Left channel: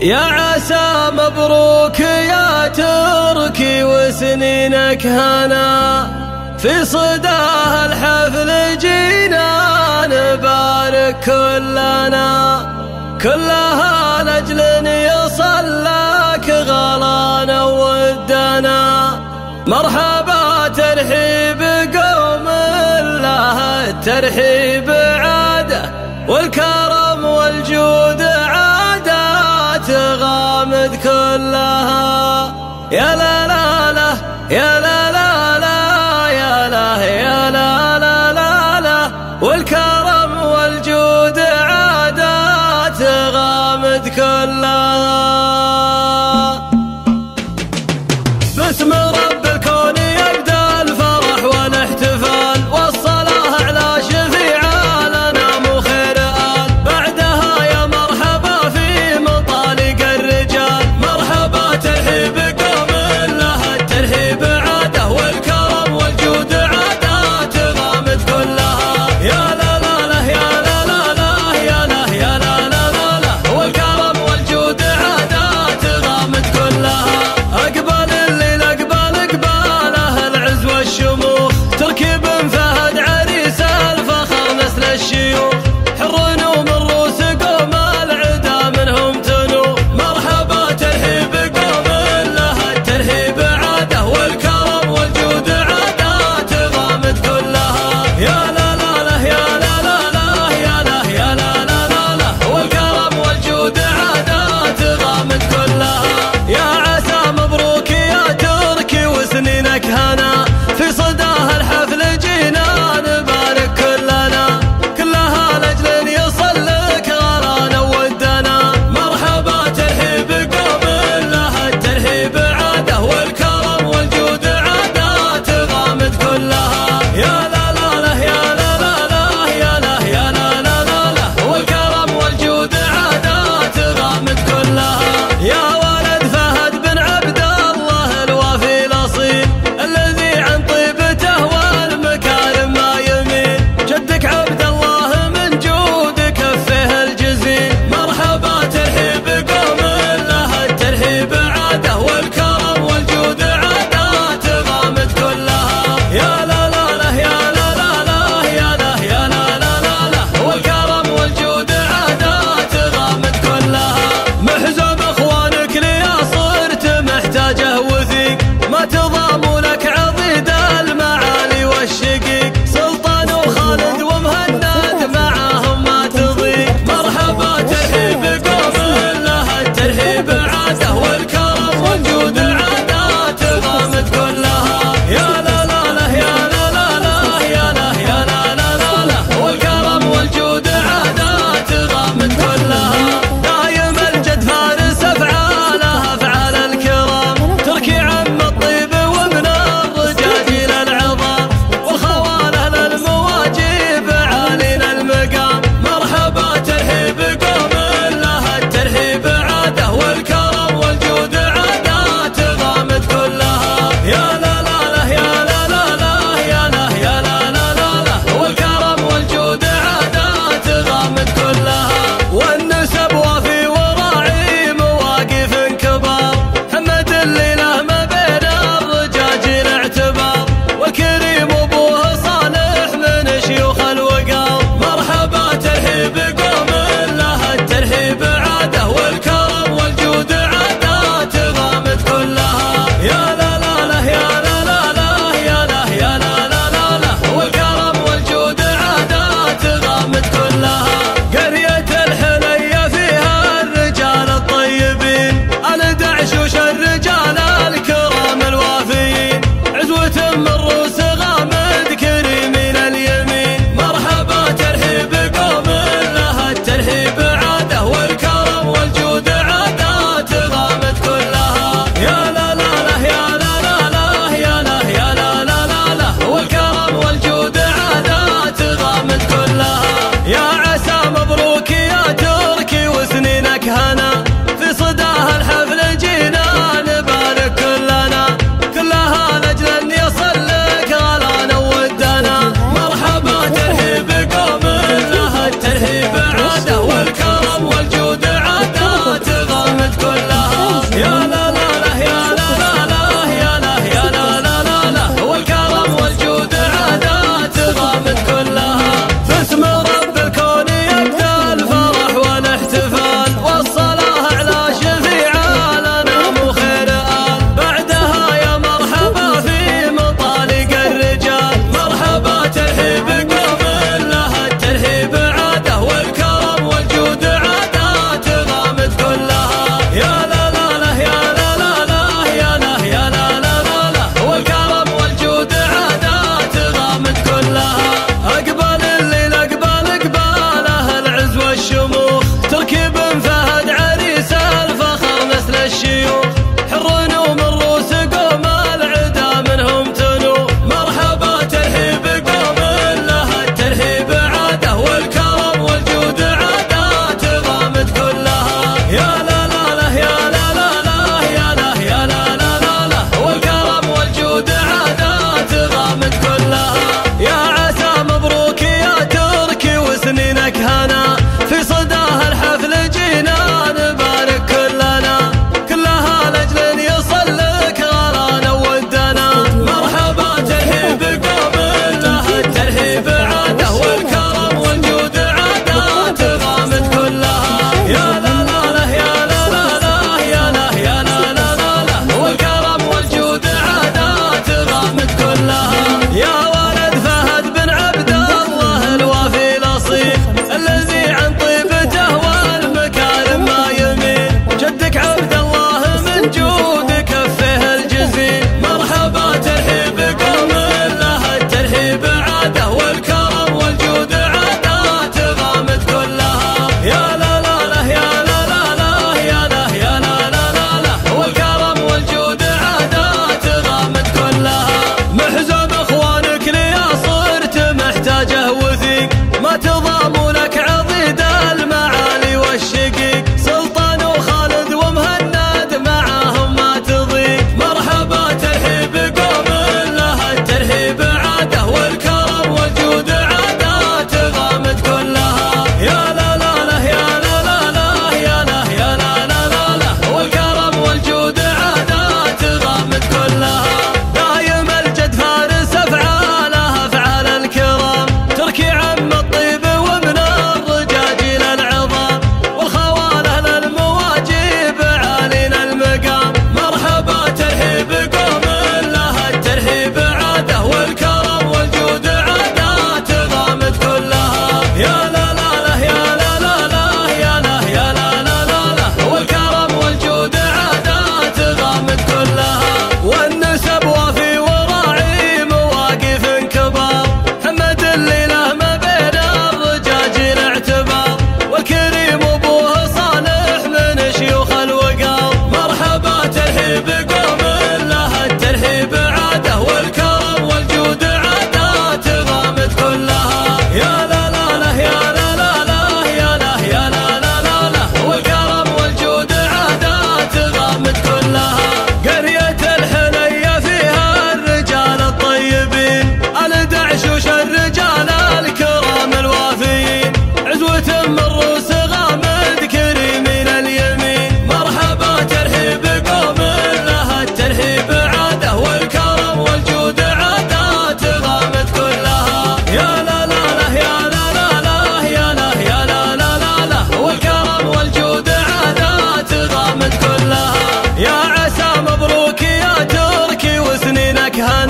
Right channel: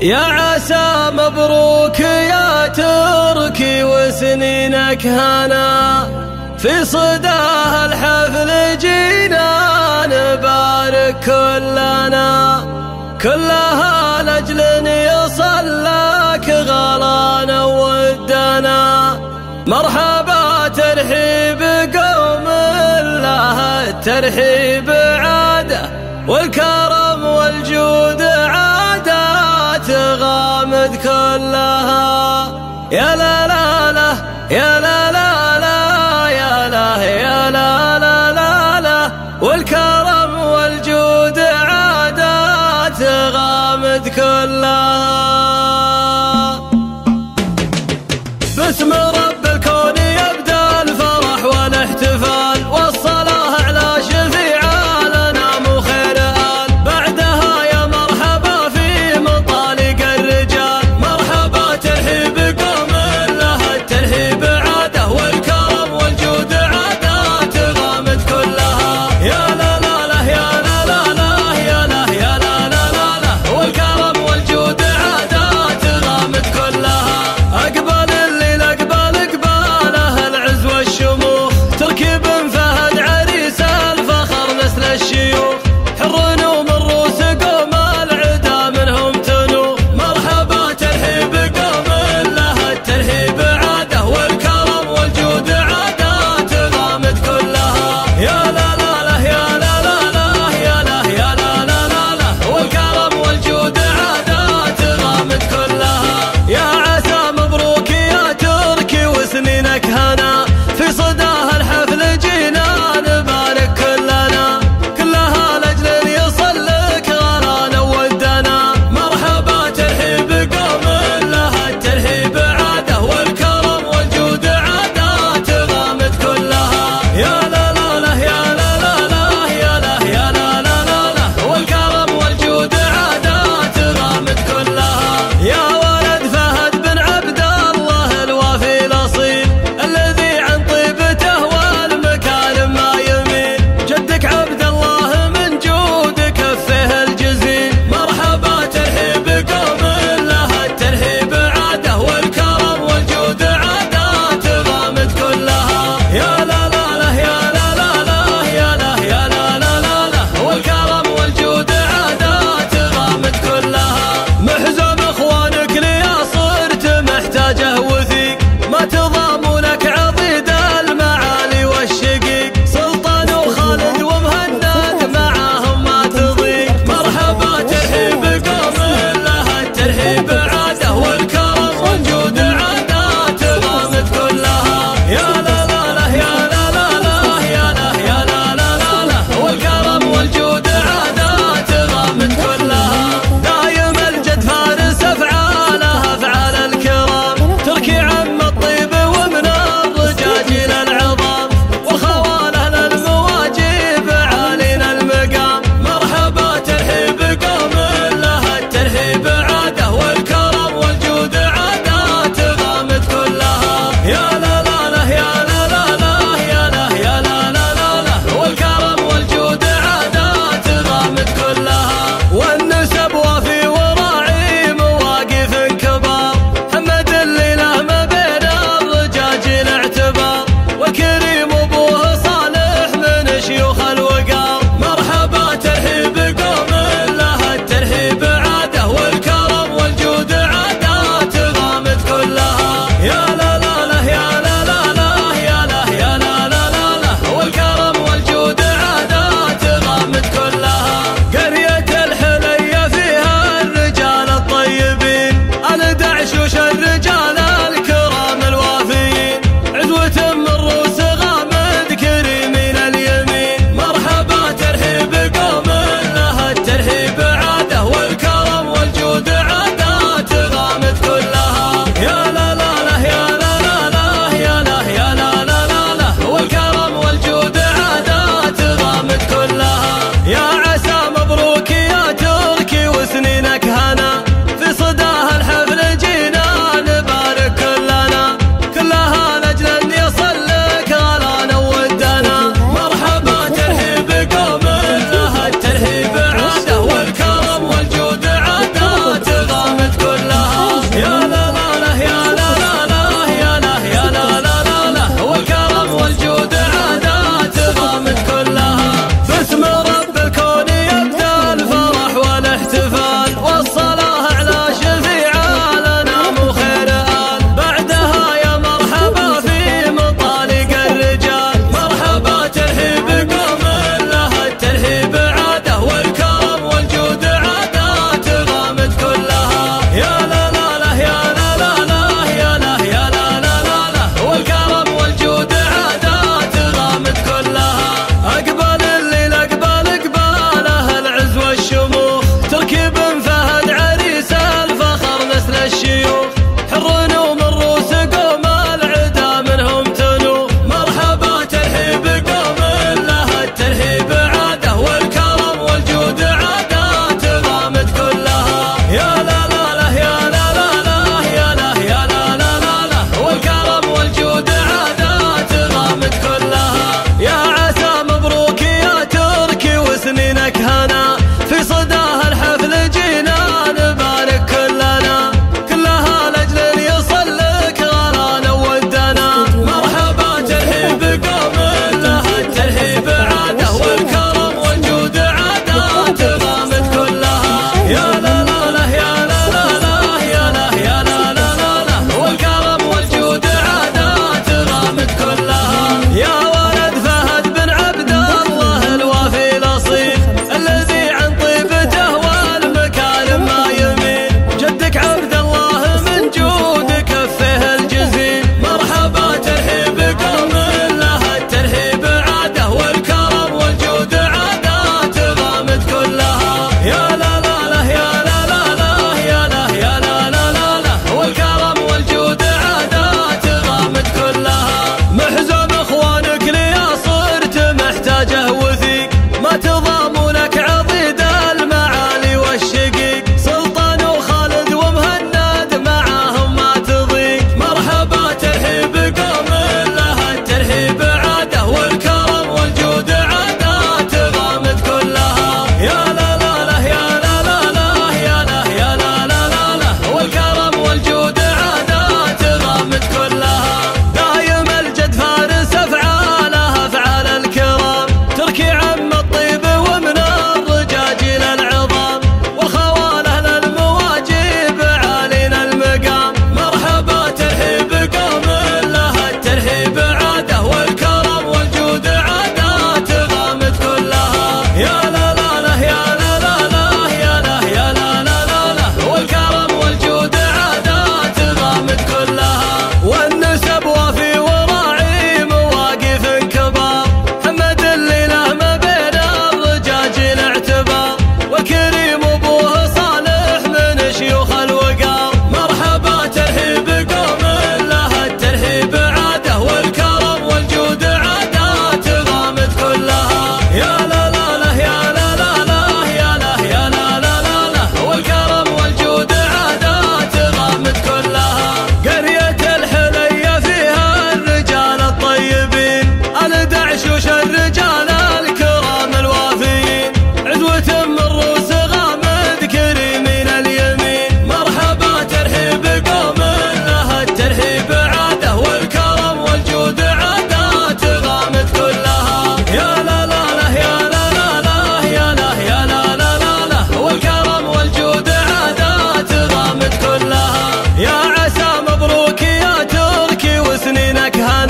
يا عسى مبروك يا تركي وسنينك هنا، في صداه الحفل جينا نبارك كلها لأجل يصل لك غلانا ودنا. مرحبا ترحيب قوم الله الترحيب عاده، والكرم والجود عادات غامد كلها. يا لا لا لا يا لا لا لا يا لا يا لا لا لا لا، والكرم والجود عادات غامد كلها. باسم رب الكون يبدأ الفرح والاحتفال، والصلاة على شفيع الأنام خير آل. بعدها يا مرحبا في مطالق الرجال، مرحبا ترحيب قوم لها الترحيب عاده، والكرم والجود عادات غامد كلها. يا لا لا لا يا لا لا لا يا لا يا لا لا لا لا، والكرم والجود عادات غامد كلها. أقبل الليل أقباله العز والشموخ، تركي بن فهد عريس الفخر نسل الشيوخ، حر ومن روس قوم العدا منهم تنوخ. مرحبا ترحيب قوم لها الترحيب عاده، والكرم والجود عادات غامد كلها. يا لا لا لا يا لا لا لا يا لا يا لا لا لا لا، والكرم والجود عادات غامد كلها. يا عسى مبروك يا تركي وسنينك هنا، في صداه الحفل جينا نبارك كلها لأجل يصل لك غلانا ودنا. مرحبا ترحيب قوم لها الترحيب عاده، والكرم والجود عادات غامد كلها. يا لا لا لا يا لا لا لا يا لا يا لا لا لا لا، والكرم والجود عادات غامد كلها. يا ولد فهد بن عبد الله الوافي الأصيل، الذي عن طيبته والمكارم ما يميل، جدك عبد الله من جود كفه الجزيل. مرحبا ترحيب قوم لها الترحيب عاده، والكرم والجود عادات غامد كلها. يا لا لا لا يا لا لا لا يا لا يا لا لا لا لا، والكرم والجود عادات غامد كلها. محزم اخوانك ليا صرت محتاجه وثيق، ما تضامنك عضيد المعالي والشقيق، سلطان وخالد ومهند معاهم ما تضيق. مرحبا ترحيب قوم لها الترحيب عاده، والكرم والجود عادات غامد كلها. يا لا لا لا يا لا لا لا يا لا يا لا لا لا لا، والكرم والجود عادات غامد كلها. دايم الجد فارس افعالها افعال الكرام، تركي عم الطيب ومن الرجاجيل العظام، والخواله للمواجب عالينا المقام. مرحبا ترحيب قوم لها الترحيب عاده، والكرم والجود عادات غامد كلها. يا لا لا لا يا لا لا لا يا لا يا لا لا لا لا، والكرم والجود عادات غامد كلها. والنسب وافي وراعي مواقف كبار، حمد اللي له ما بين الرجاجيل اعتبار، والكريم ابوه صالح من شيوخ الوقار. مرحبا ترحيب قوم لها الترحيب عاده، والكرم والجود عادات غامد كلها. يا لا لا لا يا لا لا لا يا لا يا لا لا لا لا، والكرم والجود عادات غامد كلها. قرية الحلية فيها الرجال الطيبين، أنا دعشوش الرجال الكرام الوافيين، عزوة من روس غامد كريمين اليمين. مرحبا ترحيب قوم لها الترحيب عاده، والكرم والجود عادات غامد كلها. يا لا لا لا يا لا لا لا يا لا يا لا لا لا لا، والكرم والجود عادات غامد كلها. يا عسى مبروك يا تركي وسنينك هنا، في صداه الحفل جينا نبارك كلها لأجل أن يصل لك غلانا ودنا. مرحبا ترحيب قوم لها الترحيب عاده، والكرم والجود عادات غامد والصلاة على شفيع لنا وخير آل. بعدها يا مرحبا في مطالق الرجال، مرحبا ترحيب قوم لها الترحيب عاده، والكرم والجود عادات غامد كلها. يا لا لا لا يا لا لا لا يا لا يا لا لا لا لا، والكرم والجود عادات غامد كلها. أقبل الليل أقباله العز والشموخ، تركيب فهد عريس الفخر مثل الشيوخ، حر ومن روس قوم العدا منهم تنوخ. مرحبا ترحيب قوم لها الترحيب عاده، والكرم والجود عادات غامد كلها. يا لا لا لا يا لا لا لا يا لا يا لا لا لا لا، والكرم والجود عادات غامد كلها. يا عسى مبروك يا تركي وسنينك هنا، في صداها الحفل جينا نبارك كلنا، كلها لأجل يصلك غرانا ودنا. مرحبا ترحيب قوم لها الترحيب عاده، والكرم والجود عادات غامد كلها. يا لا لا لا يا لا لا لا يا لا يا لا لا لا لا، والكرم والجود عادات غامد كلها. يا ولد فهد بن عبد الله الوافي الأصيل، الذي عن طيبته والمكارم ما يميل، جدك عبد الله من جود كفه الجزيل. مرحبا ترحيب قوم لها الترحيب عاده، والكرم والجود عادات غامد كلها. يا لا لا لا يا لا لا لا يا لا يا لا لا لا لا، والكرم والجود عادات غامد كلها. محزم اخوانك ليا صرت محتاجه وثيق، ما تضامنك عضيد المعالي والشقيق، سلطان وخالد ومهند معاهم ما تضيق. مرحبا ترحيب قوم لها الترحيب عاده، والكرم والجود عادات غامد كلها. يا لا لا لا يا لا لا لا يا لا يا لا لا لا لا، والكرم والجود عادات غامد كلها. دايم الجد فارس افعالها افعال الكرام، تركي عم الطيب ومن الرجاجيل العظام، والخواله للمواجيب عالينا المقام. مرحبا ترحيب قوم لها الترحيب عاده، والكرم والجود عادات غامد كلها. يا لا لا لا يا لا لا لا يا لا يا لا لا لا لا، والكرم والجود عادات غامد كلها. والنسب وفي وراعي مواقف كبار، محمد اللي له ما بين الرجاجيل اعتبار، والكريم ابوه صالح من شيوخ الوقار. مرحبا ترحيب قوم لها الترحيب عاده، والكرم والجود عادات غامد كلها. يا لا لا لا يا لا لا لا يا لا يا لا لا لا لا، والكرم والجود عادات غامد كلها. قرية الحلية فيها الرجال الطيبين، الدعشوش الرجال الكرام الوافيين، عزوة من روس غامد كريمين اليمين. مرحبا ترحيب قوم لها الترحيب عاده، والكرم والجود عادات غامد كلها. يا لا لا لا يا لا لا لا يا لا يا لا لا لا لا، والكرم والجود عادات غامد كلها. يا عسى مبروك يا تركي وسنينك هنا،